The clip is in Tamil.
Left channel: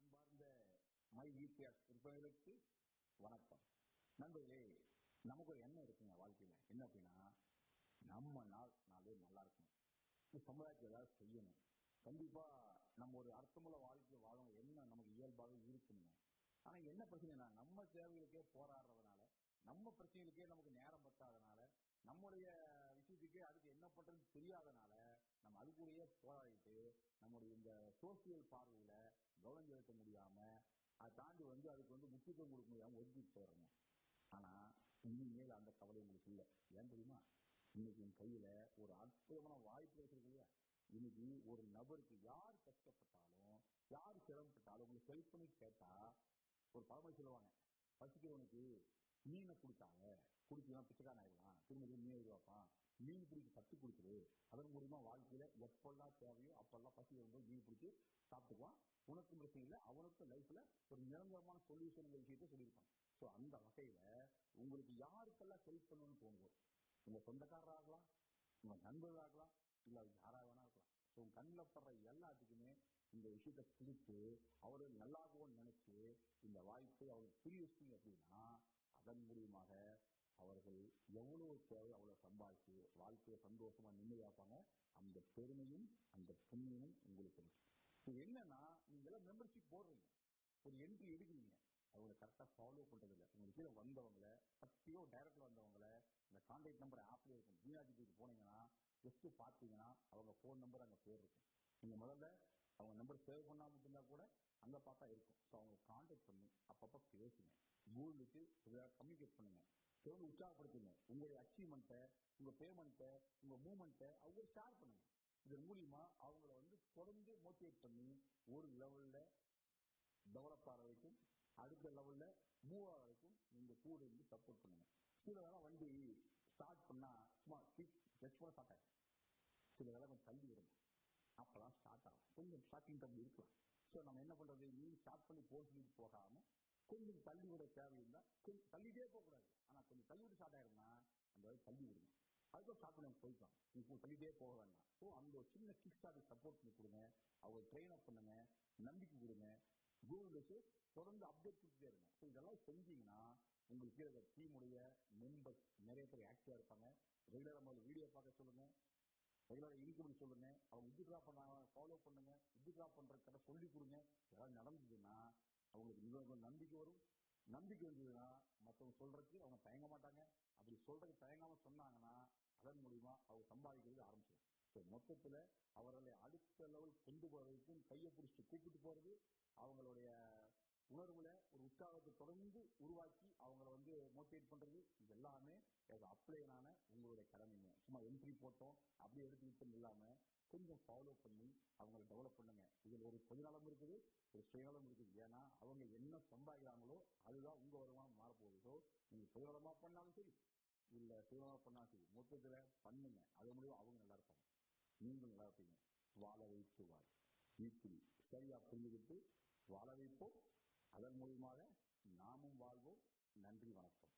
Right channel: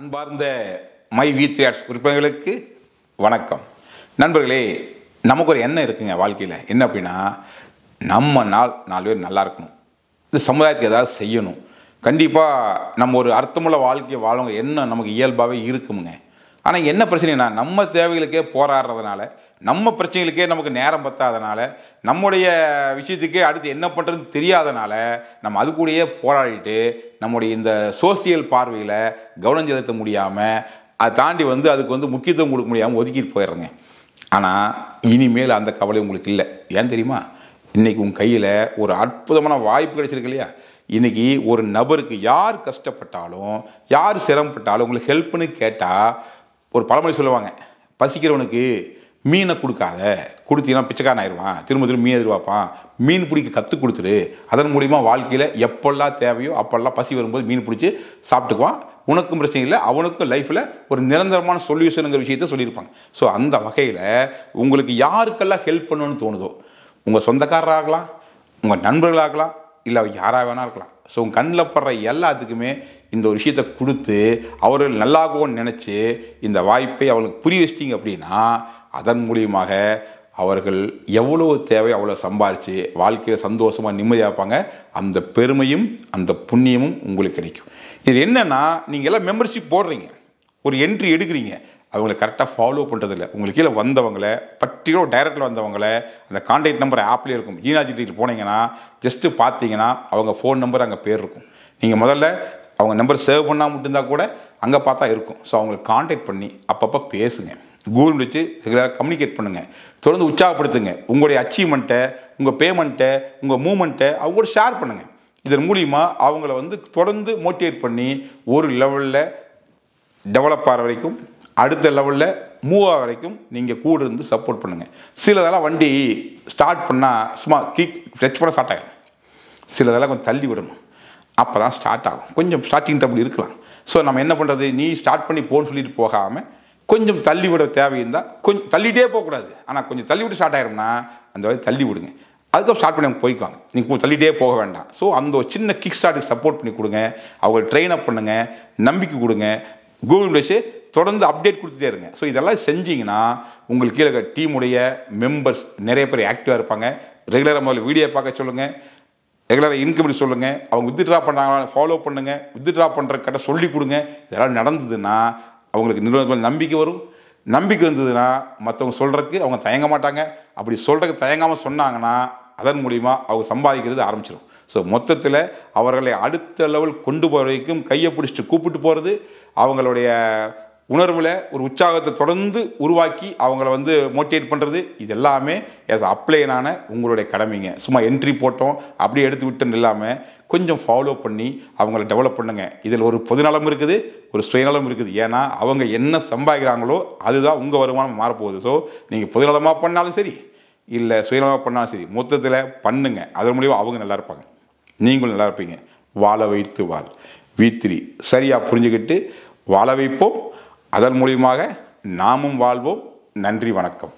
அன்பார்ந்த மை V3 ஆர்ட்ஸ் உறுப்பினர்களுக்கு வணக்கம். நண்பர்களே, நமக்கு ஒரு எண்ணம் இருக்குங்க வாழ்க்கையில். என்ன அப்படின்னா, நம்ம நாலு பேர் நல்லா இருக்கணும், இந்த சமுதாயத்துக்கு ஏதாவது செய்யணும், கண்டிப்பாக நம்ம ஒரு அர்த்தமுள்ள வாழ்க்கையை வாழவங்க எண்ணம் நமக்கு இயல்பாகவே இருக்குமுங்க. ஆனால் என்ன பிரச்சனைனா, நம்ம தேவைகளுக்கே போராடுறதுனால, நம்ம பிரச்சனைகளுக்கே நமக்கு நேரம் பத்தாதனால, நம்முடைய விஷயத்துக்கே அடுத்து என்ன பண்ணுறதுன்னு தெரியாதனால, நம்ம அது கூடயே போராடிட்டு நம்முடைய இந்த சோசியல் பார்வையில் கவனம் செலுத்த முடியாமல், அதை தாண்டி அதுக்கு முக்கியத்துவம் கொடுக்க முடியாமல் ஒதுக்கிட்டு போயிடுறேங்க. ஆனால் இனிமேல் அந்த கவலை உங்களுக்கு இல்லை. ஏன் தெரியுமா? இன்றைக்கி உங்கள் கையில் ஒரு அற்புதமான வாய்ப்பு கிடைச்சிருக்கு இல்லையா? இன்றைக்கி ஒரு நபருக்கு யார் கஷ்டப்பட்டாலும், யார் சிரமப்பட்டாலும் உங்களுக்கு ஹெல்ப்னு கேட்டால், ஒரு பழமொழி சொல்லுவாங்க, பசிக்கிறவனுக்கு மீனை கொடுக்காத, கொடுத்தீங்கன்னா பிச்சைக்காரன் ஆயிடுவான், திரும்ப திரும்ப மீன் எதிர்பார்ப்பான், மீன் பிடிக்க கற்றுக் கொடுத்துரு, அதன் மூலிமா வாழ்க்கையில் எப்பெல்லாம் தேவையோ அப்பெல்லாம் பசி வரும்போது மீன் பிடிச்சி சாப்பிட்டுக்குவான், உனக்கும் பிரச்சனை இல்லை, அவனுக்கும் லைஃப்பில் ஒரு நிரந்தரமான சொல்யூஷனுங்கிற விஷயத்த சொல்லியிருப்பாங்க. ஸோ அந்த வகையில் உங்களுக்கு யாருக்கெல்லாம் ஹெல்ப் பண்ணணும்னு தோணுதோ, உங்கள் சொந்தக்காரராகலாம், உங்கள் நண்பர்களாகலாம், இல்லை யாராக வேணா இருக்கலாம். ஸோ உங்கள் கண்ணில் படுற எல்லாத்துக்குமே இந்த ஒரு விஷயத்தை கொடுத்து அவர்கள் நல்லாகுவோன்னு நினச்சி இந்த வாய்ப்பை அவங்களுக்கு புரிய வச்சிட்டிங்க அப்படின்னா, அதன் மூலியமாக அவர்கள் எவ்வளோ தேவை அவ்வளோ சம்பாரித்து வாழ்க்கையில் சந்தோஷமாக நிம்மதியாக இருப்பாங்க. அந்த பெருமையும் அந்த புண்ணியமும் உங்களுக்கு கிடைக்கும். இது என்னென்னா, நீங்கள் எல்லாம் மெம்பர்ஷிப் போடுறீங்க, ஒரு என்ட்ரி எடுக்கிறீங்க, அவங்களை கரெக்டாக ஃபாலோ பண்ணுறதில்ல. உங்களுக்கு கீழே வந்தவங்களை பர்டிகுலர் டைரக்டில் வந்தவங்களை அந்த கான்டாக்ட் நம்பர் ஆப்லேயே இருக்கும். ஜீனாஜிட்டியில் போனீங்கன்னா ஜஸ்ட்டு பார்த்தீங்கன்னா அவங்க ஃபோன் நம்பர் அங்கே பேர் இருக்கும். நீங்கள் முதல்ல அவங்க நம்பர் சேவ் பண்ணால் மட்டும்தான் கூட அங்கே பார்த்தா இருக்கும். ஸோ அவங்களை கான்டாக்ட் பண்ணி அப்பப்போ பேசுங்க, கூகுள் வச்சு ரெகுலராக கம்யூனிகேட் பண்ணுங்கள், தொடர்ந்து உற்சாகப்படுத்துங்க. உங்களுடைய அச்சீவ்மெண்ட்டை, உங்கள் பேமெண்ட்டை, உங்கள் மூமெண்ட்டை அவங்களோட ஷேர் பண்ணுங்கள். இதன் மூலிமா அவங்கள தொடர்ந்து மோட்டிவேட் பண்ணி ஒரு லெவலில் டெவலப் ஆகிற வரைக்கும், அடுத்த லெவலில் மூவ் ஆகிற வரைக்கும் நீங்கள் கூட இருந்து சப்போர்ட் பண்ணுங்கள். சிலதெல்லாம் வண்டி ஸ்டார்ட் பண்ணால் சும்மா டச் பண்ண ஸ்டார்ட் ஆகிடும், சிலதெல்லாம் கொஞ்சம் தள்ளி விடணும், அப்போ தான் ஸ்டார்ட் ஆகும். கொஞ்சம் ஸ்டார்டிங் ட்ரபிள் இருக்கலாம். ஸோ நம்ம என்ன பண்ணுறது, நீ ஸ்டார்ட் பண்ணி போன்னு சொல்லிட்டு போகாமல் கொஞ்சம் தள்ளி விட தேவையிருந்தால் கொஞ்சம் தள்ளிகிட்டே போகக்கூடாது, ஆனால் கொஞ்சம் தள்ளி விட்டு ஸ்டார்ட் ஆகிடும்னா அந்த மாதிரி தள்ளி விடுங்க, அதுக்கப்புறம் ஸ்டார்ட் பண்ணி போய்க்குவாங்க. நீங்கள் தள்ளிகிட்டே போக வேண்டாம். ஸோ அந்த ஒரு சின்ன கிக் ஸ்டார்ட்டுக்கு சப்போர்ட் பண்ணி கொடுங்க, அவங்க ட்ரெயின் அப் பண்ணுங்கள், நம்பிக்கை கொடுங்க, கூகுள் வச்சு தொடர்ந்து அப்டேட் கொடுத்துட்டே இருங்க. ஸோ இதெல்லாம் செஞ்சிங்கன்னா உங்களுக்கு கீழே டீமுடைய மெம்பர்ஸ் நிறைய பேர் ஆக்டிவாக இருப்பாங்க. ரெகுலராக முதல்ல வீடியோ பார்க்க சொல்லுங்கள், ரெகுலராக இன்கம் சொல்லுங்கள், அவங்க வித்ட்ரா பண்ணுறாங்க ஃபாலோ பண்ணுங்கள், வித்ட்ரா பண்ணுற கட்ட சொல்லி கொடுங்க. இதெல்லாம் நடந்ததுன்னா அவங்களுக்கு நிறுவனத்தில் நம்பிக்கை வரும். நம்பிக்கை வந்ததுன்னா மற்றவங்க சொல்கிறதுக்கு அவங்க தயங்க மாட்டாங்க. அப்படி சொல்கிறதுக்கு தயங்காமல் சொன்னாங்கன்னா அதன் மூலிமா அவங்க சம்பாதிக்கிறது ஆரம்பிச்சிடும். ஸோ மொத்தத்தில் அவர்களை அடுத்த லெவல் கொண்டு போகிற வரைக்கும் கையை பிடிச்சிட்டு கூப்பிட்டு போகிறது, அவங்களுடைய உணர்வில் ஒரு உற்சாகத்தை தொடர்ந்து உருவாக்கி அவங்கள மோட்டிவேட் பண்ணுறது, இது எல்லாமே ஆஸ் அப்ளைனான உங்களுடைய கடமைங்க. சும்மா என்ட்ரி போட்டோம் அப்படியே எடுத்து விட்டுன்னு இல்லாமல் கொஞ்சம் ஃபாலோ பண்ணி அவங்கள டெவலப் பண்ணுங்கள். இதில் ஒரு பொதுநலம் இருக்குது, ஒரு சுயநலம் இருக்குது. ஏன்னா அவங்க என்ன சம்பாதிக்கிறாங்களோ அதுதான் உங்கள் வருமானம் மாறப்போகுது. ஸோ நீங்கள் பொதுநலமாக பண்ணாலும் சரி, இல்லை சுயநலமாக பண்ணாலும் சரி, மொத்தத்தில் பண்ணுங்கள். அதன் மூலியமாக அவங்க நல்லா இருப்பாங்க, நீங்களும் நல்லா இருப்பீங்க. வாழ வைத்து வாழ் V3 சரியாக புரிஞ்சுக்கிட்டு வாழ வைப்போம், அதன் மூலியமாக நாமும் வாழ்வோம். நன்றி, வணக்கம்.